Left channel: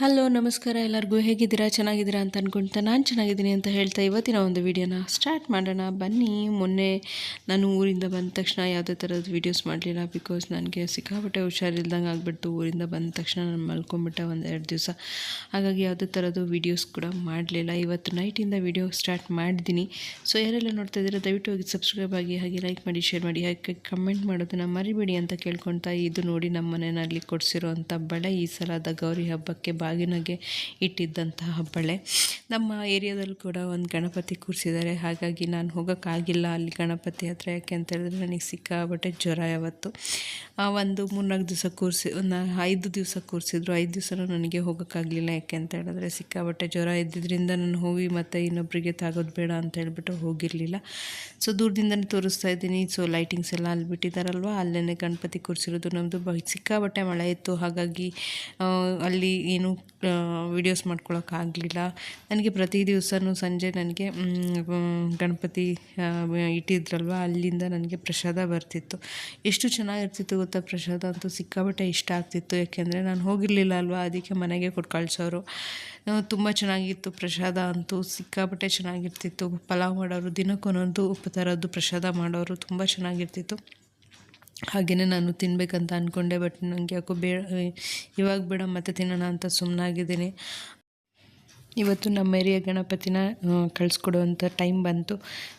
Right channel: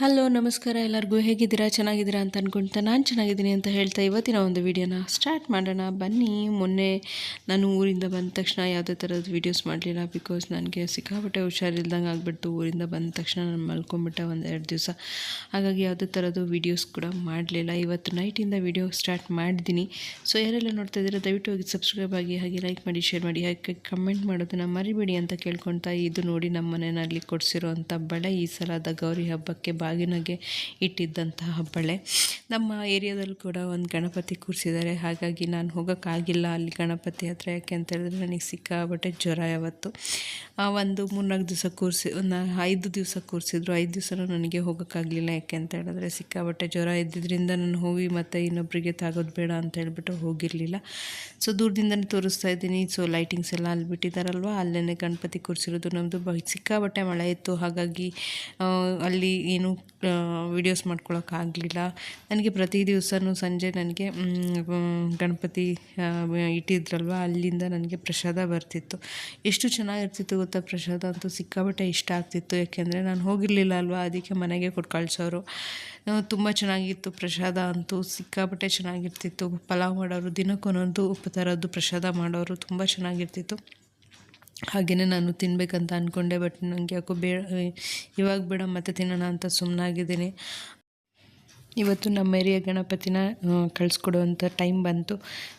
Hello, ನಮಸ್ಕಾರ. ಎಲ್ಲರಿಗೂ ಹೇಗಿದ್ದೀರಾ? ಚೆನ್ನಾಗಿದ್ದೀರಾ ಅಂತ ಅನ್ಕೊಂತ ನಾನು ಚೆನ್ನಾಗಿದ್ದೀನಿ ಅಂತ ಹೇಳ್ತಾ ಇವತ್ತಿನ ಒಂದು ವಿಡಿಯೋನ ಸ್ಟಾರ್ಟ್ ಮಾಡೋಣ. ಬನ್ನಿ. ಮೊನ್ನೆ ನಾನು ಊರಿಂದ ಬಂದ ತಕ್ಷಣ ಯಾವುದೇ ಥರದ ವೀಡಿಯೋಸ್ ಮಾಡಲಿಲ್ಲ ಬಿಕಾಸ್ ನನಗೆ ಸಿಕ್ಕಾಪಟ್ಟೆ ಹುಷಾರಿಲ್ದಂಗೆ ಆಗಿಬಿಡ್ತು. ಊರಿಂದ ಬಂದ ತಕ್ಷಣ ನಾನು ಮಲ್ಕೊಂಬಿಟ್ಟೆ ಒಂದು ಎರಡು ದಿವಸ. ಹಾಗಾಗಿ ಯಾವುದೇ ಥರದ್ದು ವೀಡಿಯೋಸ್ ಕೂಡ ಮಾಡಲಿಲ್ಲ. ಇವತ್ತು ನೈಟಿಂದ ವೀಡಿಯೋ ಸ್ಟಾರ್ಟ್ ಮಾಡಿದ್ದೀನಿ. ಸೊ ಯಾರೆಲ್ಲ ನೋಡ್ತಾ ಇದ್ದೀರಾ, ದಯವಿಟ್ಟು ಹೋಗಿ ಸಬ್ಸ್ಕ್ರೈಬ್ ಆಗಿ, ಹಾಗೆ ಲೈಕ್ ಮಾಡಿ ಶೇರ್ ಮಾಡಿ, ಹಾಗೆ ಕಮೆಂಟ್ ಮಾಡೋದನ್ನು ಮರಿಬೇಡಿ ಅಂತ ಕೇಳ್ಕೊಳ್ತಾ ಇದು ನೋಡಿ ನಮ್ಮ ಮನೆಯಲ್ಲಿ ಕೊಡಿಸಿರೋಂಥ ಬಳೆ ಈ ಸಲದ ಗೌರಿ ಹಬ್ಬಕ್ಕೆ ಬಾಗಿನಗೆ ಇಟ್ಟಿದ್ದಂತಹ ಬಳೆ. ನಮ್ಮ ಏರಿಯಾದಲ್ಲಿ ಕೂಡ ಒಂದು ಗಣಪತಿ ಕೂರಿಸಿದ್ದಾರೆ. ಹಾಗಾಗಿ ನಾನು ಹೋಗೋಕ್ಕಾಗಿಲ್ಲ ಅಲ್ಲಿ ಗಣಪತಿ ಹತ್ರ. ಯಾಕೆ ಅಂತ ಹೇಳಿದ್ರೆ ನನಗೆ ಸಿಕ್ಕಾಬಟ್ಟೆ ಜ್ವರ ಯಾವತ್ತು. ಒಂದು ಮೂರ್ನಾಲ್ಕು ದಿವಸ ಕೂರಿಸಿ, ಒಂದು ಐದು ದಿವಸ ಕೂರಿಸಿದ್ರು. ಐದು ದಿವಸನೂ ನನಗೆ ಹೋಗೋಕ್ಕಾಗಲಿಲ್ಲ. ಯಾಕೆ ಅಂತ ಹೇಳಿದ್ರೆ ಸಿಕ್ಕಾಬಟ್ಟೆ ಜ್ವರ ಇದ್ದಿದ್ದರಿಂದ ನಾನು ಹೋಗಿ ಮತ್ತು ಇನ್ನೊಬ್ಬರಿಗೆ ತಾಗೋದು ಬೇಡ ಅಂತ ಹೇಳ್ಬಿಟ್ಟು ಹೋಗಿರಲಿಲ್ಲ. ಸೊ, ದೂರದಿಂದನೇ ತೋರಿಸ್ತಾ ಇದ್ದೀನಿ. ಸೊ ಲೈಟಿಂಗ್ಸ್ ಎಲ್ಲ ಅಲ್ಲಿ ಬಿಟ್ಟಿದ್ದಾರಲ್ವ? ಅಲ್ಲೇ ಗಣಪತಿ ಕೂರಿಸಿರೋದು ನಮ್ಮದು ಬ ಸಿಕ್ಕಾಬಟ್ಟೆ ಮಳೆ ಇತ್ತು. ಹಾಗಾಗಿ ಅಲ್ಲಿ ಏನು ವೀಡಿಯೋಸ್ ಮಾಡ್ಕೊಳ್ಳೋಕ್ಕಾಗಲಿಲ್ಲ ನನಗೆ ಪ್ರತಿ ದಿವಸವೂ ಸಂಜೆ ನನಗೆ ಗಣಪತಿ ಇಟ್ಟಿದ್ರಲ್ವ, ಅಲ್ಲಿಂದ ನನಗೆ ಪ್ರಸಾದ ಬರ್ತಿತ್ತು. ಎಷ್ಟು ಚೆನ್ನಾಗಿರ್ತಿತ್ತು ಗೊತ್ತಾ ಪ್ರಸಾದ ಅಂತೂ ಸಿಕ್ಕಾಪಟ್ಟೆ ಇಷ್ಟ ಆಗ್ತಿತ್ತು. ಯಾಕೆಂದರೆ ನಾನು ಹೋಗಿರಲಿಲ್ಲ ಅಲ್ವಾ, ಅದಕ್ಕೆ ಮನೆಗೆ ಕೊಟ್ಟು ಕಳಿಸೋರು. ತುಂಬ ಚೆನ್ನಾಗಿತ್ತು ಪ್ರಸಾದ ಅಂತೂ, ಸಿಕ್ಕಾಪಟ್ಟೆ ಚೆನ್ನಾಗಿರ್ತಿತ್ತು. ಪಲಾವ್ ಮಾಡೋರು, ದಿನಕ್ಕೊಂದೊಂದು ಥರದ್ದು ಪ್ರಸಾದ ಮಾಡೋರು ತುಂಬ ಚೆನ್ನಾಗಿರ್ತಿತ್ತು. ಹಾಗೆಯೇ ನಾನು ತಿನ್ನಬೇಕಂತ ಅಂದ್ಕೊಂಡೆ ಬಟ್ ನನಗೆ ಯಾಕೋ ಬೇಡ ಇವಾಗ ಬೇಡ ಮತ್ತೆ ತಿನ್ನೋಣ ಅಂತ ಸುಮ್ಮನಾಗಿದ್ದೀನಿ ಇವತ್ತು ನಮ್ಮ ಏರಿಯಾ ಗಣಪತಿನ ಕಳಿಸ್ಕೊಡುವಂಥ ಟೈಮ್ ಬಂತು.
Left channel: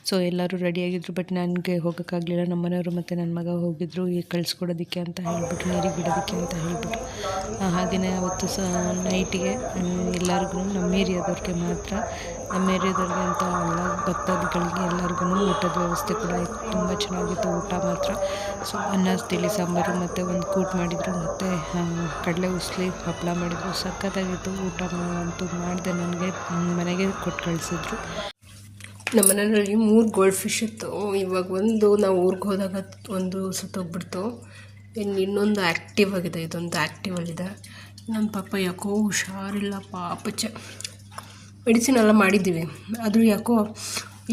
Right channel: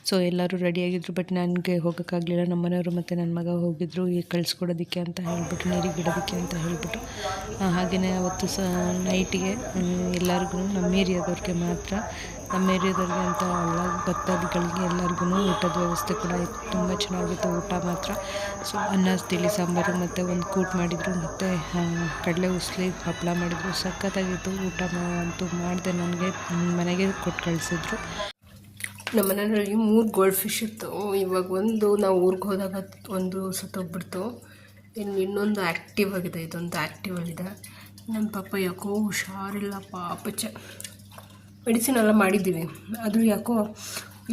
ಸೊ ಎಲ್ಲರೂ ರೆಡಿಯಾಗಿದ್ದರು ಬಟ್ ನನಗೆ ಹೋಗೋಕ್ಕಾಗಲಿಲ್ಲ. ನಮ್ಮ ಮನೆಯವರು ಮತ್ತು ನನ್ನ ಮಗ ಹೋಗಿದ್ದರು ಈಗ ಕಳಿಸ್ಕೊಡೋದಕ್ಕೆ ಅಂತ ಹೇಳ್ಬಿಟ್ಟು, ನೀರಿಗೆ ಬಿಡೋದಕ್ಕೆ ಅಂತ ಹೇಳ್ಬಿಟ್ಟು. ಹಾಗೆಯೇ ಅವತ್ತು ಸಹ ನೈಟಿಗೆ ಎಲ್ಲರಿಗೂ ನಮ್ಮ ಏರಿಯಾದವ್ರಿಗೆ ಮಾತ್ರ, ನಮ್ಮ ಏರಿಯಾದವ್ರಿಗೆ ಅಂತ ಅಲ್ಲ, ಭಕ್ತಾದಿಗಳಿಗೆ ಎಲ್ಲರಿಗೂ ಊಟದ ವ್ಯವಸ್ಥೆ ಕೂಡ ಆಯಿತು. ತುಂಬ ಚೆನ್ನಾಗಿತ್ತು ಊಟ ಮಾತ್ರ. ಸೊ ಅನ್ನ, ತಿಳಿ, ಸಾಂಬಾರು ಮತ್ತು ಒಂದು ಕೂಟ್ ಮಾಡಿದರು. ಮತ್ತು ಕಡಲೆ ಉಸ್ಲಿ ಹಪ್ಪಳ ಮಾಡಿದರು. ಸಖತ್ತಾಗಿತ್ತು ಊಟ ಅಂತೂ ಮಾಡಿದೆ ನನಗೆ ಮನೆಗೆ ಕೊಟ್ಟು ಕಳಿಸಿದ್ರು. ನಮ್ಮ ಮನೆಯಲ್ಲಿ ಮೂರು ಗೋಲ್ಡ್ ಫಿಶ್ ಇತ್ತು. ಇವಾಗ ಒಂದು ನಾವು ಊರಿಗೆ ಹೋದಾಗ ಒಂದು ಸತ್ತೋಗ್ಬಿಡ್ತು ಇನ್ನು ಇನ್ನೊಂದು ಆ್ಯಕ್ಟಿವ್ ಆಗಿದೆ, ಇದೊಂದು ಆಗಿದೆ ನಮ್ಮ ಪಾಪ ಯಾಕೋ ಹುಷಾರಿಲ್ಲ ಪಾಪಚ್ಚೆ ಮೆಡಿಸಿನ್ ಎಲ್ಲ ಮಾಡಿದ್ದೀವಿ. ಆದರೂ ಯಾಕೋ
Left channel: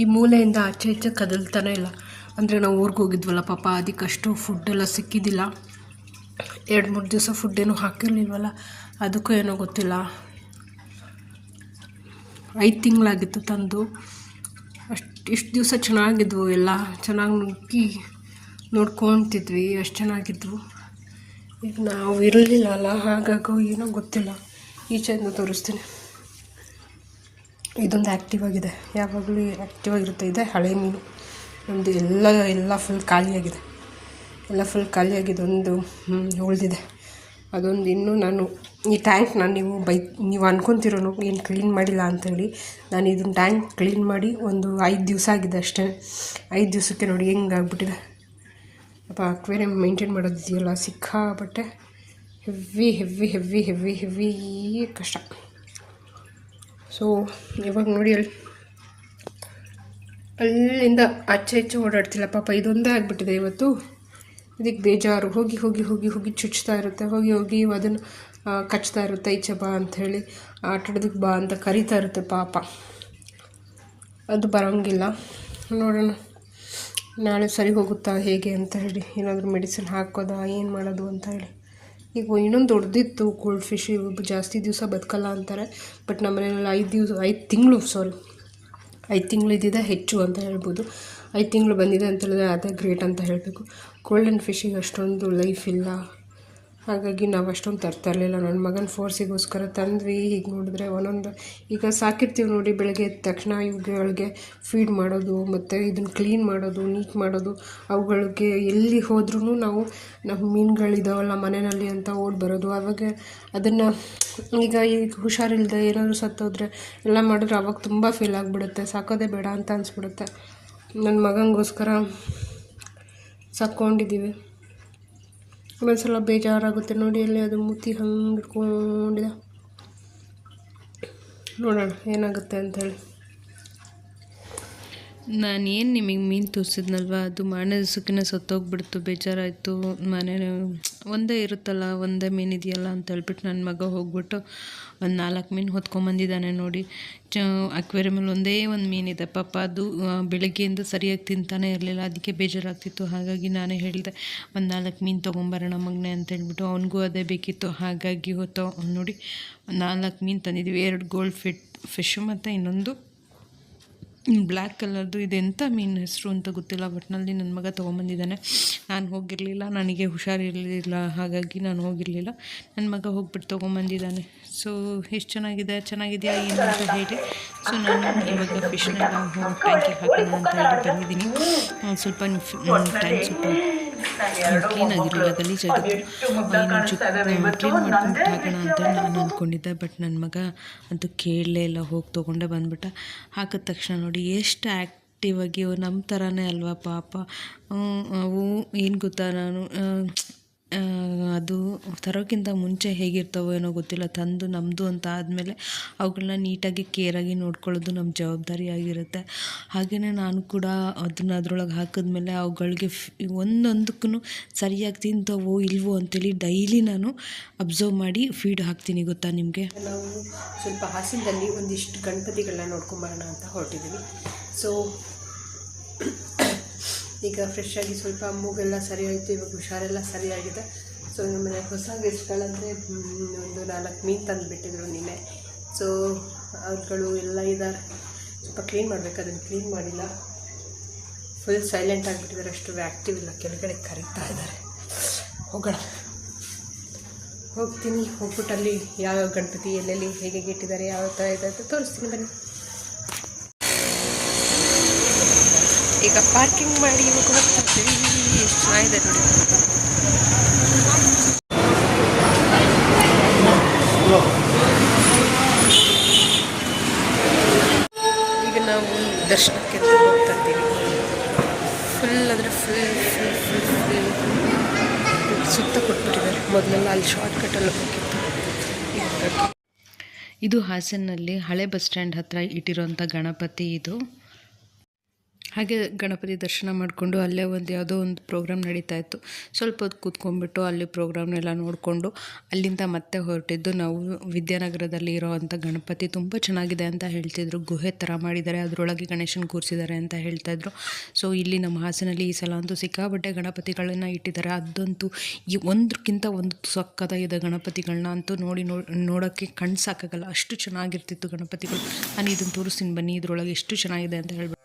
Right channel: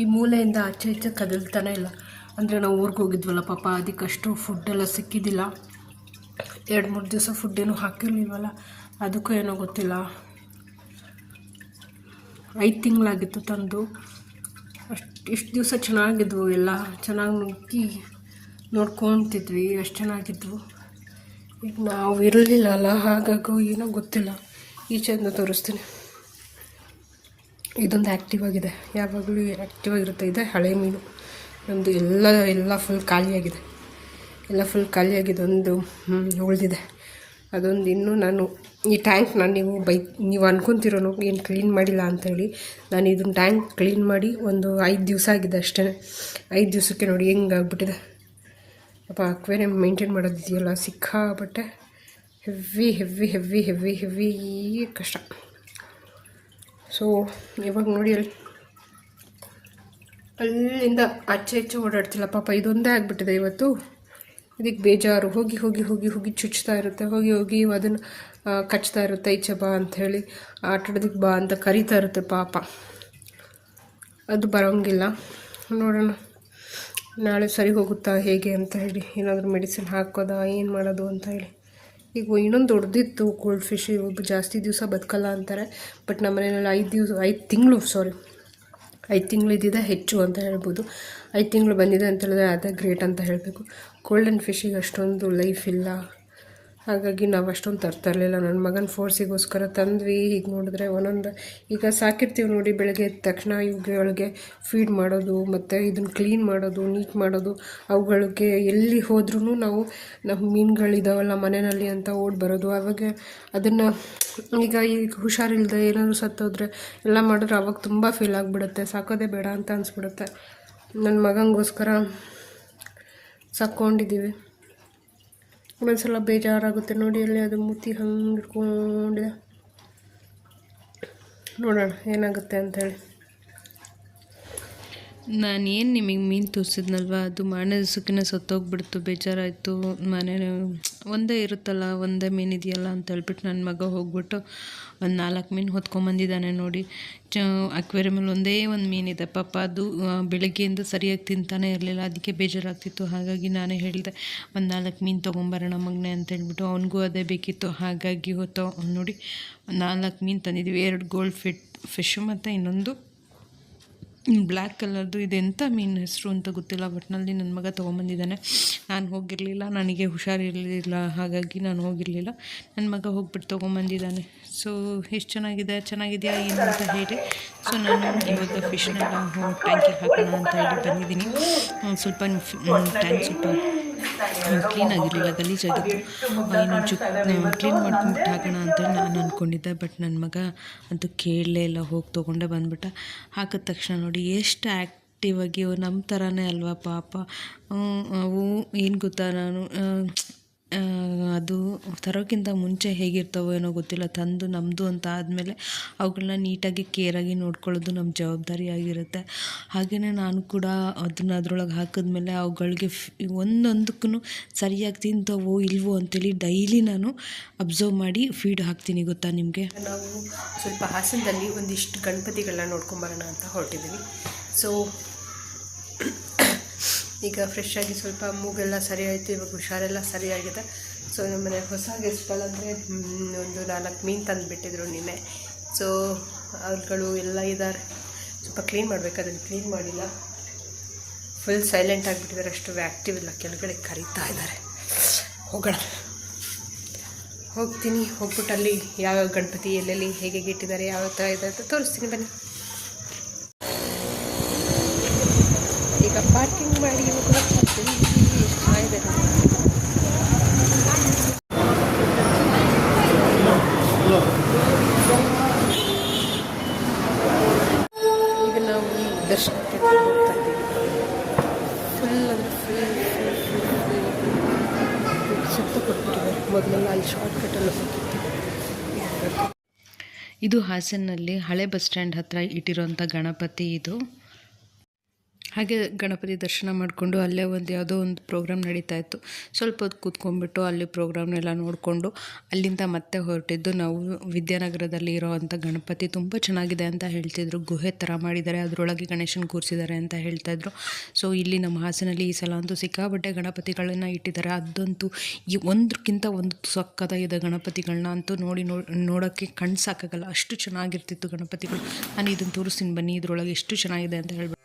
ಈ ಮೂಲೆಯಿಂದ ಆಚೆ ಆಚೆ ಕದಲ್ತಾನೆ ಇಲ್ಲ. ಅಂದರೆ ನಾವು ಊರಿಗೆ ಹೋಗಿದ್ವಲ್ಲ ಪಾಪ, ಅದಕ್ಕಷ್ಟು ಫುಡ್ಡೆಲ್ಲ ಸಿಕ್ಕಿದ್ದಿಲ್ಲ. ಎರಡು ಮೂರು ದಿವಸ ಫುಡ್ ಏನೂ ಹಾಕಿರಲಿಲ್ವಲ್ಲ, ಅದಕ್ಕೂ ಏನೋ ಗೊತ್ತಿಲ್ಲ. ಐದು ತಿಂಗಳಾಗಿತ್ತು ತಂದು. ಅಷ್ಟು, ಇಷ್ಟು ದಿವಸ ಚೆನ್ನಾಗಿದ್ವು ಎಲ್ಲ. ಚೆನ್ನಾಗಿ ನುಗ್ಗಿ ನೋಡ್ಕೊತಿದ್ವಿ, ಅಷ್ಟು ಚೆನ್ನಾಗಿದ್ವು. ಈಗ ನಾವು ಇರಲಿಲ್ಲ ಅಲ್ಲ, ಹಾಗಾಗಿ ಏನೋ ಗೊತ್ತಿಲ್ಲ. ಈಚೆಯಿಂದ ತೋರಿಸ್ತೀನಿ. ಇದೊಂದು ಆ್ಯಕ್ಟಿವ್ ಆಗಿದೆ. ಯಾವಾಗಲೂ ಆ್ಯಕ್ಟಿವ್ ಆಗಿರುತ್ತೆ. ಇದೆ ಹಳೆ ಮೀನು. ನಮ್ಮದು ಎಲ್ಲ ಎಲ್ಲ ಫುಲ್ ಖಾಲಿಯಾಗಿದೆ. ಎಲ್ಲ ಫುಲ್ ಖಾಲಿಯಾಗಿದೆ. ಒಂದು ಉಳಿದಿದೆ. ಅದೊಂದು ಇನ್ನೂ ನಾನು ಈ ಟ್ಯಾಂಕ್ನ ನೀವು ಬೈ, ನೀವು ಅನ್ಕೊಂತಿರೋನು ಏನು ಕ್ಲೀನ್ ಮಾಡಿಲ್ಲ ಅಂಥೇಳಿ ನಾನು ಇದನ್ನ ಟ್ಯಾಂಕ್ ಕ್ಲೀನ್ ಮಾಡಿ ಒಂದು ಐದು ದಿವಸ ಆಗಿದೆ ಅಷ್ಟೇ. ಐದು ದಿವಸಕ್ಕೆ ನೋಡಿ ಹೆಂಗೆ ಆಗ್ಬಿಟ್ಟಿದೆ. ಅಪ್ಪ ಅಕ್ವೇರಿಯಂ ಮೇಂಟೈನ್ ಮಾಡೋದಿದೆಯಲ್ಲ ಸಿಕ್ಕಾಪಟ್ಟೆ heavy heavy heavy heavy heavy ಕಷ್ಟ. ಸೊ ಇವಾಗ ನೋಡಿ ಅಲ್ಲಿ, ಅಲ್ಲಿಂದ ಆಚೆ ಹೆಚ್ಚು ಓಡಾಡ್ತಿಲ್ಲ. ಪಾಪ ಇದೊಂದೇ ಆಗಿಬಿಟ್ಟಿದೆ ಇವತ್ತು. ಇದಕ್ಕೆ ಬೇಜಾರು. ಹೋಗಿ ಹೋಗಿ ಹೋಗಿ ಹೋಗಿ ಚುಚ್ತಾ ಇರುತ್ತೆ. ಹೋಗಿ ಹೋಗಿ ಅದನ್ನು ಕಚ್ತಾ ಇರುತ್ತೆ, ಈಚೆ ಬಾ ಅಂಥೇಳಿ ಆಟಾಡೋದಕ್ಕೆ ಬಾ ಅಂತ ಕರಿತಾ ಇರುತ್ತೆ ಪಾಪ. ಅದು ಬರೋಂಗಿಲ್ಲ. ನೋಡೋಣ. ನಾಳೆ ಸರಿ ಹೋಗುತ್ತಾ ಹೇಗೆ ಅಂತ ಹೇಳಿ, ಏನಾದರೂ ಮೆಡಿಸಿನ್ ಹಾಕೋದಾ, ಏನು ಮಾಡೋದು ಅಂತ ಹೇಳಿ. ಈಗ ಇನ್ನೊಂದು ದೊಡ್ಡದಿತ್ತು ಗೋಲ್ಡ್ ಫಿಶ್, ಇವಾಗ ಜಾಸ್ತಿ ದಿವಸ ಬದುಕಲ್ಲ ಅಂತಾರೆ, ಬಟ್ ನಮ್ಮ ಮನೆಯಲ್ಲಿ ಐದು ದಿವಸ, ಐದು ತಿಂಗಳು, ಸಾರಿ, ಐದು ತಿಂಗಳು ಇದ್ದಿದೆ, ಹೆಚ್ಚು ಅಂತ ಹೇಳ್ಬೋದು. ಐದು ತಿಂಗಳು ಬಂದಿದೆ ಅಂತ ಹೇಳಿದ್ರೆ ಅದೇ ಗ್ರೇಟ್ ಅಂತ ಹೇಳಬೇಕು. ಗೋಲ್ಡನ್ ಫಿಶಿಗೆ ಅಷ್ಟೊಂದು ಲೈಫ್ ಇಲ್ಲ. ಹಾಗಾಗಿ ನಾವು ಅಷ್ಟೊಂದು ತರ್ತಾ ಇರಲಿಲ್ಲ. ನನ್ನ ಮಗನ ಫೋರ್ಸಿಗೋಸ್ಕರ ತಂದ್ವಿ. ಹೀಗೆ ನೋಡಿದ್ರೆ ಒಂದೊಂದು ಈಗ ಸಾಕಿರ್ತೀವಿ ನೋಡಿ ಬೆಳಗ್ಗೆ ಎದ್ದ ತಕ್ಷಣ ಇವುಗಳಿಗೆ ಫೀಡ್ ಮಾಡೋದು, ಮತ್ತು ಇದನ್ನು ಕ್ಲೀನ್ ಮಾಡೋದು ನೀಟ್ ಮಾಡೋದು. ಅವುಗಳಿಗೆ ಎಲ್ಲಿ ಹೋದ್ರೂ ನಾವು ನಮ್ಮ ಮೀನುಗಳಿದಾವಲ್ಲ ಮನೆಯಲ್ಲಿ ಅಂತ ಓಡಿ ಬರೋದು. ಆವಾಗ ಅದನ್ನು ಈಗ ಈಗ ಹುಷಾರಿಲ್ಲದೆ ಏನಾದರೂ ಸತ್ತೋದ್ರೆ ಎಲ್ಲ ಮಾಡಿದ್ರೆ ಅವಾಗ ತುಂಬ ಫೀಲ್ ಆಗಿಬಿಡುತ್ತೆ. ಸಾಕೋದೇ ಬೇಡ ಅಂತ ಅನಿಸ್ಬಿಡುತ್ತೆ. ನನ್ನ ಮಗನಿಗೋಸ್ಕರ ಸಾಕ್ಕೊಂಡಿದ್ದೀವಿ ಒಂದೊಂದ್ಸಲ ಬೇಜಾರಾಗುತ್ತೆ. ನೋಡಿ ಅಲ್ಲಿ ಅದು ಮೂತಿ ಹಂಗೆ ನೋಡೋಣ ಏನಾಗುತ್ತೆ ನಾನು ಏನು ನಿಮಗೆ ಮೀನು ತೋರಿಸಿದ್ನಲ್ವ? ಅದು ಮಾರನೇ ಸುಖಿನ ಸತ್ತೋಗ್ಬಿಡ್ತು, ಬೇಜಾರಾಯಿತು. ಮನೆ ಒಂದೇ ಇರುತ್ತಲ್ಲ, ಒಂದೇ ಮೀನು ಇದೆಯಲ್ಲ ಅಂತ ಹೇಳ್ಬಿಟ್ಟು ನನ್ನ ಮಗ ಹೋಗ್ಬಿಟ್ಟು ಒಂದು ನಾಲ್ಕು ಮೀನು ಹೊತ್ಕೊಂಬಂದಿದ್ದಾನೆ ನೋಡಿ. ಚ, ಅಕ್ವೇರಿಯಮಲ್ಲಿ ಒಂದೇ ಒಂದು ಮೀನಿದೆ ಪಾಪ ಅದು ಬೆಳಗ್ಗೆಯಿಂದ ಸರಿಯಾಗಿ ತಿಂತಾನೆ ಇರಲಿಲ್ಲ. ಅದಕ್ಕೆ ಬೇಜಾರಾಗ್ತಿತ್ತು. ಹಾಗಾಗಿ ನಾನೇ ಹೇಳಿದೆ, ಒಂದು ನಾಲ್ಕು ಮೀನು ತೊಗೊಂಬರೋಣ ಮಗನೇ ಅಂತ ಹೇಳ್ಬಿಟ್ಟು ಅವನಿಗೂ ಅದೇ ಬೇಕಿತ್ತು. ಹಾಗಾಗಿ ಹೊತ್ತು ನೋಡಿ ನಾಲ್ಕು ಮೀನು ತಂದಿದ್ದೀವಿ ಎರಡು ಗೋಲ್ಡ್ ಫಿಟ್ ಫಿಶು ಮತ್ತು ಇನ್ನೊಂದು ಬ್ಲ್ಯಾಕ್ ಕಲರ್ದು ಇದೆಂಥ ಮೀನು ಹೆಸರು ಅಂತ ಗೊತ್ತಿಲ್ಲ ಒಟ್ಟಿನಲ್ಲಿ ನನ್ನ ಮಗ ತೊಗೊಂಬಂದಿದ್ದಾನೆ. ನಾನು ಹೋಗಿರಲಿಲ್ಲ, ನನಗೆ ಹುಷಾರಿರಲಿಲ್ಲ ಹಾಗಾಗಿ ನಾನು ಹೋಗಿರಲಿಲ್ಲ. ನನ್ನ ಮಗ ಹೋಗ್ಬಿಟ್ಟು ತೊಗೊಂಬಂದಿದ್ದಾನೆ. ಸೊ ಎಷ್ಟು ಚೆನ್ನಾಗಿದೆ? ಚೆನ್ನಾಗಿದೆಯಾ ಏನು ಅಂತ ಹೇಳಿ. ಸೊ ನಾನು ಇವಾಗ ಫಿಶ್ನೆಲ್ಲ ಟ್ಯಾಂಕಿಗೆ ಹಾಕೋಣ ಅಂತ ಹೇಳಿ ಬಂದಿದ್ದೀನಿ. ಸ್ವಲ್ಪ ಟೈಮ್ ಸ್ವಲ್ಪ ಕ್ಲೀನ್ ಆಗಿರಲಿಲ್ಲ, ಗಲೀಜಾಗಿತ್ತು. ಇನ್ನೊಂದು ಚುಕ್ ಕ್ಲೀನ್ ಮಾಡ್ಕೊಂಡ್ಬಿಟ್ಟು ಹಾಕೋಣ ಅಂತೇಳಿ ನಾನು ಅಂದ್ಕೊಂಡಿದ್ದೆ ಬಟ್ ನನ್ನ ಮಗ ಅಂತೂ ಕೇಳಲೇ ಇಲ್ಲ, ಹೋಗಿ ತೊಗೊಂಡೆ, ಬಂದ್ಬಿಟ್ಟ. ಹಾಕಿದ ತಕ್ಷಣ ನೋಡಿ, ಎಷ್ಟು ಆ್ಯಕ್ಟಿವಾಗಿ ನಮ್ಮ ಥರನೇ ಅಲ್ವಾ ಪಾಪ. ಅವು, ಏನು ಗೊತ್ತಾ ನಾನು ಅದು ತರೋಕ್ಕಿಂತ ಮುಂಚೆ ಹೇಗಿರ್ತಾವೋ ಏನೋ ಗೊತ್ತಿಲ್ಲ, ತಂದು ನಮ್ಮದು ಅಂತ ಆದಮೇಲೆ ಅವುಗಳನ್ನ ನೀಟಾಗಿ ಕೇರಾಗಿ ನೋಡ್ಕೊಳ್ಳೋದು ನಮ್ಮ ಜವಾಬ್ದಾರಿ ಆಗಿರುತ್ತೆ. ಹಾಗೆಯೇ ನಾನು ಕೂಡ ಅದನ್ನ ಅದರೊಳಗೆ ಹಾಕಿದ್ಮೇಲೆ ಅವುಗಳಿಗೆ ಒಂದೊಂದಕ್ಕೂ ಸರಿಯಾಗಿ ತಿಂತವೋ ಇಲ್ವೋ ಅಂತೇಳಿ ಡೈಲಿ ನಾನು ಅಬ್ಸರ್ವ್ ಮಾಡಿ ಫೀಡ್ ಹಾಕ್ತೀನಿ ಗೊತ್ತಾ ನಿಮಗೆ? ನಾವು ಸ್ವಲ್ಪ ಹಾಸನದಲ್ಲಿ ಒಂದಿಷ್ಟು ಗಣಪತಿಗಳನ್ನ ನೋಡ್ಕೊಂಬರೋಣ ಅಂತ ಹೊರಟಿದ್ದೀವಿ ಸೊ ಈಗ ಫ್ರೆಶ್ ಆಗಿ ಸ್ವಲ್ಪ ಮೂಗೆಲ್ಲ ಸರಿ ಆಯಿತು ಇವಾಗ ಹುಷಾರೆಲ್ಲ ಸರಿಯಾಗಿದೆ. ಸೊ ನಮ್ಮ ಮನೆ ಹೊಸ ಗೆಸ್ಟ್ಗಳಂದರೆ ಒಂದು ನಾಲ್ಕು ಮೀನು ತಂದುಬಿಟ್ಟಿದ್ರು ನಿನ್ನೆ. ಸೊ ಅವ್ರುಗಳು ಎಲ್ಲ ಇದ್ದಾರೆ. ಸ್ವಲ್ಪ ಕ್ಲೀನ್ ಮಾಡಬೇಕು, ಅದನ್ನು ಕ್ಲೀನ್ ಮಾಡಿಲ್ಲ. ಫುಲ್ ಸೈಲೆಂಟ್ ಆಗಿಬಿಟ್ಟಿದ್ದಾರೆ, ಅಷ್ಟು ಆ್ಯಕ್ಟಿವ್ ಇಲ್ಲ. ಕೆಳಗಡೆ ಕರೀತಾ ಇದ್ದಾರೆ. ಹೋಗೋಣ. ಹೋಗ್ತೀನಿ. ಹೋಗ್ಬಿಟ್ಟು ಅಲ್ಲಿ ಯಾವ್ಯಾವ ಗಣಪತಿ ಎಲ್ಲೆಲ್ಲಿ ಹೇಗೆ ಇಟ್ಟಿದ್ದಾರೆ, ಯಾವ ಥರ ಇದೆ ಅಂತ ತೋರಿಸ್ತೀನಿ. ಬನ್ನಿ. ಈಗ ಪಾರ್ಕಿಂಗ್ ಮಾಡಿ ಇವಾಗ ಎಷ್ಟು ಚೆನ್ನಾಗಿದೆ ನೋಡಿ. ಈಗ ನಾವು ದರ್ಶನಕ್ಕೆ ಹೋಗ್ತಾ ಇದ್ದೀವಿ. ಫುಲ್ ಅಂದರೆ ಫುಲ್ ಫುಲ್ ಫುಲ್ ಫುಲ್ ಸುತ್ತ ಕೊಟ್ಬಿಟ್ಟಿದ್ದಾರೆ ಮೊದಲೆಲ್ಲ ಅಲ್ಲಿ ಶಾರ್ಟ್ಕಟ್ಟಲ್ಲಿ ಹೋಗಿತ್ತು. ಇದು ಹಾಸನಲ್ಲಿ ಹಳೆ ಬಸ್ ಸ್ಟ್ಯಾಂಡ್ ಹತ್ರ ಇಟ್ಟಿರೋಂಥ ಗಣಪತಿ ಇದು. ಹಾಗೆ ಗಣಪತಿ ದರ್ಶನ ಮಾಡಿಕೊಂಡು ಅಲ್ಲೇ ಒಂದು ಯಾವುದೋ ಒಂದು ಪ್ರೋಗ್ರಾಮ್ ನಡೀತಾ ಇತ್ತು. ಸ್ವಲ್ಪ ಹೊತ್ತು ಕೂತ್ಕೊಂಡ್ಬಿಟ್ಟು ಅಲ್ಲಿ ಪ್ರೋಗ್ರಾಮ್ನೆಲ್ಲ ನೋಡಿಕೊಂಡು ಅಲ್ಲಿಂದ ಮತ್ತೆ ಹೊರಟಿದ್ದು ನಾವು ವಿದ್ಯಾನಗರದಲ್ಲಿ ಇರೋವಂಥ ಗಣಪತಿ ತುಂಬ ಚೆನ್ನಾಗಿದೆ ಅಂತ ಹೇಳ್ತಿದ್ರು. ಗುಹೆ ಥರ ಮಾಡಿದ್ದಾರೆ. ಅದರೊಳಗೆ ಗಣೇಶನ ಕೂರಿಸಿದ್ದಾರೆ ಅಂತ ಹೇಳ್ತಾಯಿದ್ರು ಸೊ ಇಲ್ಲಿ ನಮ್ಮ ಹಾಸನಲ್ಲಿ ಈ ಸಲ ಅಂತೂ ಸಿಕ್ಕಾಪಟ್ಟೆ ಗಣಪತಿಗಳನ್ನ ಇಟ್ಟಿದ್ದಾರೆ. ಅದಂತೂ ಈ ಒಂದಕ್ಕಿಂತ ಒಂದು ಸಕ್ಕತ್ತಾಗಿದೆ ಗಣಪತಿಗಳನ್ನ ಅಂತೂ ನೋಡಿ ನೋಡೋಕ್ಕೆ ಕಣ್ಣು ಸಾಕಾಗಲ್ಲ. ಅಷ್ಟು ಚೆನ್ನಾಗಿರ್ತಿತ್ತು ಗಣಪತಿಗಳು. ನಾನು ಇದನ್ನು ತೋರಿಸ್ತೀನಿ ಬನ್ನಿ. ಇದರೊಳಗೆ ಎಷ್ಟು ಚೆನ್ನಾಗಿದೆ ಅಂತ ಹೇಳ್ಬಿಟ್ಟು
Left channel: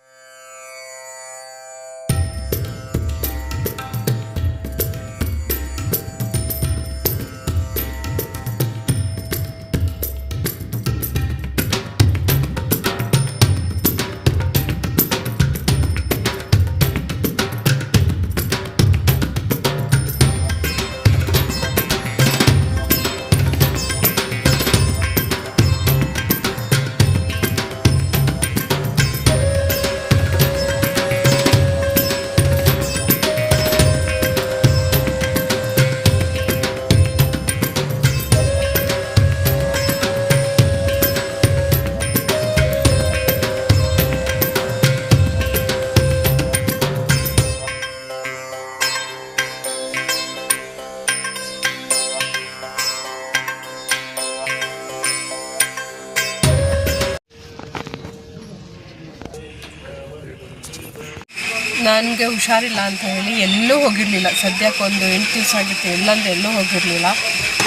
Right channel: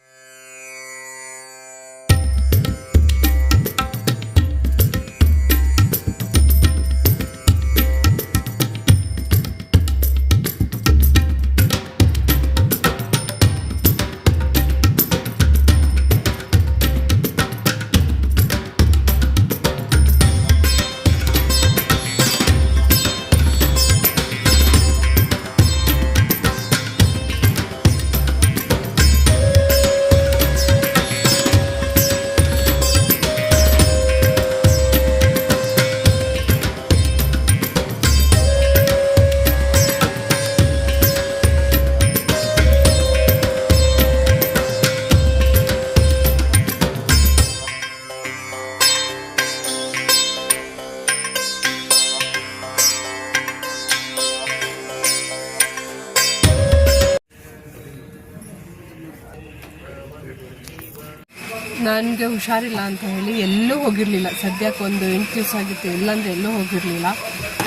ನನಗೆ ಹುಷಾರಿಲ್ಲ ಅಂತ ಹೇಳಿ ಎಲ್ಲೂ ಹೋಗಿರಲಿಲ್ಲ. ಸದ್ಯಕ್ಕೆ ಒಂದು ಎಂಟು ದಿವಸ ಆಗಿತ್ತು ಎಲ್ಲೊಂದು ಎಲ್ಲೂ ಹೋಗಿರಲಿಲ್ಲ.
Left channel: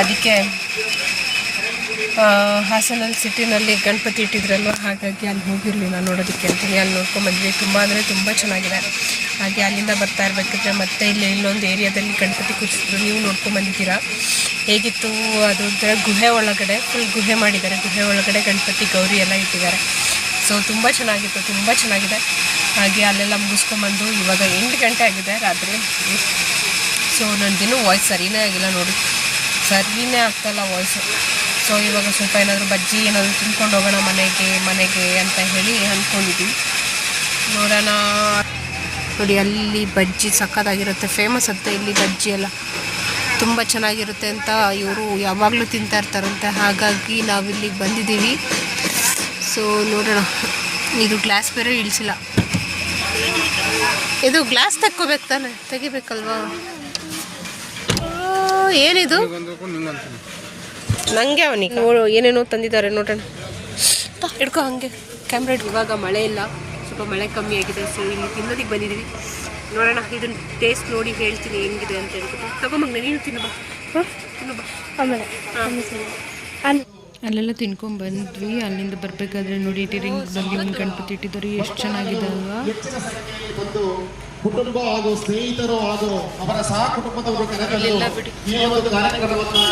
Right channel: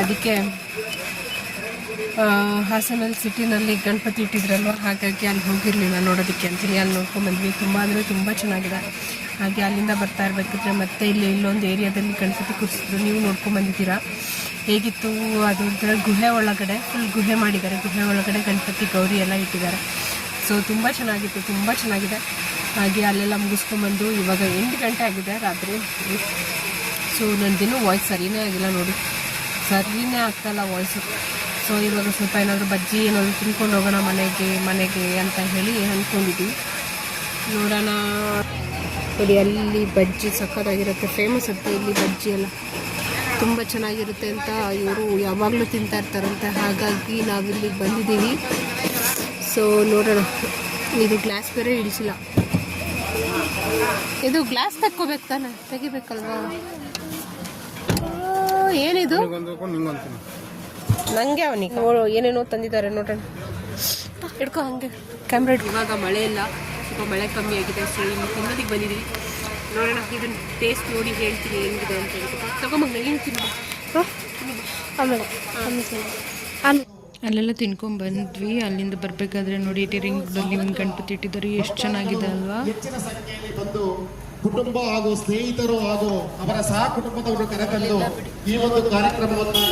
ಅದಕ್ಕೆ ಹಾಸನಲ್ಲಿ ಸಿಟಿನಲ್ಲಿ ಗಣಪತಿ ಇಟ್ಟಿದ್ರಲ್ವ? ಹಾಗಾಗಿ ಅಲ್ಲಿ ಹೋಗಿರಲಿಲ್ಲ ನೋಡೋದಕ್ಕೆ ಅಂತೀನಿ. ಅಲ್ಲಿ ನೋಡ್ಕೊಂಬಂದ್ವಿ ತುಂಬ ಅಂದರೆ ತುಂಬ ಚೆನ್ನಾಗಿದೆ. ಹಾಗೆ ಅಲ್ಲಿಂದ ಬರ್ತಾ ಇರಬೇಕಿದ್ರೆ ಮತ್ತೆ ಇಲ್ಲಿ ಇಲ್ಲೊಂದು ಏರಿಯಾದಲ್ಲಿ ಗಣಪತಿ ಕೂರಿಸಿದ್ರು. ನೀವು ನೋಡ್ಕೊಂಬಂದಿದ್ದೀರಾ ಹೇಗಿತ್ತು? ಅದು ಗುಹೆ ಒಳಗಡೆ ಫುಲ್ ಗುಹೆ ಮಾಡಿದ್ದಾರೆ. ಗುಹೆ ಒಳಗಡೆ ಗಣಪತಿ ಗೌರಿ ಎಲ್ಲ ಇಟ್ಟಿದ್ದಾರೆ. ಸೊ ತುಂಬ ಚೆನ್ನಾಗಿತ್ತು, ತುಂಬ ಚೆನ್ನಾಗಿದೆ. ಹಾಗೆ ಅಲ್ಲೆಲ್ಲ ಮುಗಿಸ್ಕೊಂಬಂದು ಇವಾಗ ಎಂಟು ಗಂಟೆ ಆಗಿದೆ ರಾತ್ರಿ. ಸೊ ನಂದಿನ್ನೂ ವಾಯ್ಸ್ ಸರಿನೇ ಆಗಿಲ್ಲ ನೋಡಿ. ಸರಿನೇ ಆಗ್ತಾಯಿಲ್ಲ ವಾಯ್ಸು ಸೊ ಇವಾಗ ಸ್ವಲ್ಪ ಏನಾದರೂ ಬಜ್ಜಿ ಏನಾದರೂ ತಿನ್ಕೊಂಡು ಹೋಗೋಣ ಮನೆಗೆ ಮನೆಗೆ ಅಂತ ಹೇಳಿ ಅಂದ್ಕೊಂಡಿದ್ದೀವಿ ನೋಡೋಣ. ನೋಡಿ, ಅಲ್ಲಿ ಬಜ್ಜಿ ಸಖತ್ತಾಗಿರುತ್ತೆ. ಫೇಮಸ್ ಅಂತ ಇಲ್ಲಿ ಬಜ್ಜಿ ಎಲ್ಲ. ತುಂಬ ಚೆನ್ನಾಗಿರುತ್ತೆ ಅಂತ ಇವರು ಯಾವಾಗಲೂ ತಿಂತಾ ಇರ್ತಾರಂತೆ. ಹಾಗಾಗಿ ನಾವಿಲ್ಲಿಗೆ ಬಂದಿದ್ದೀವಿ. ಸೊ ನೋಡೋಣ. ಇದು ಗ್ಲಾಸ್ ಬೇರೆ ಇಳಿಸಿಲ್ಲ. ಇದು ಗ್ಲಾಸ್ ತಕ್ಕೋಬೇಕು ತಾನೆ? ತೆಗಿಬೇಕಲ್ವಾ? ಓ, ಏನಿದು? ನಂಗೆ ಅವನಿಗೆ? ನೋಡು ಏನೇನೋ ತಂದಿದ್ದಾರೆ ನೋಡೋಣ. ಹಿಡ್ಕೊ ಹಂಗೆ. ಕ್ಯಾಮ್ರಾ ಇವಾಗ ಮಳೆ ಇಲ್ಲ. ಸ್ವಲ್ಪ ಮಳೆ ಕಮ್ಮಿ ಆಗಿದೆ ಸೊ ಇಲ್ಲಿ ತಿನ್ನೋದಕ್ಕೆ ಬಂದಿದ್ದೀವಿ. ನೋಡೋಣ ಇದನ್ನ ಟೇಸ್ಟ್ ನೋಡಿ ಹೇಳ್ತೀನಿ ಹೆಂಗಿದೆ ಅಂತ ಹೇಳ್ಬಿಟ್ಟು. ತಗೊಂಬಂಗ ನೀನು ತಿನ್ನು ಬಾ. ಹಾ. ಅಲ್ಲೆಲ್ಲ ತಿನ್ಕೊಂಡ್ ಬಂದ್ವಿ. ಅಲ್ಲಿಂದ ಬರಬೇಕಾದ್ರೆ ನೋಡಿ ರಿಂಗ್ ರೋಡಲ್ಲಿ ಒಂದು ಗಣಪತಿ ಇಟ್ಟಿದ್ದಾರೆ. ಎಷ್ಟು ಚೆನ್ನಾಗಿದೆ ಅಲ್ವಾ? ಕುಟುಂಬ ಹಾಗೂ ಸ್ನೇಹಿತರು ಹಾಗೂ ಅವರ ಸಹ ಕುಟುಂಬದವರು ಕರೆತಂದು ಈ ಒಂದು ಕಾರ್ಯಕ್ರಮವನ್ನು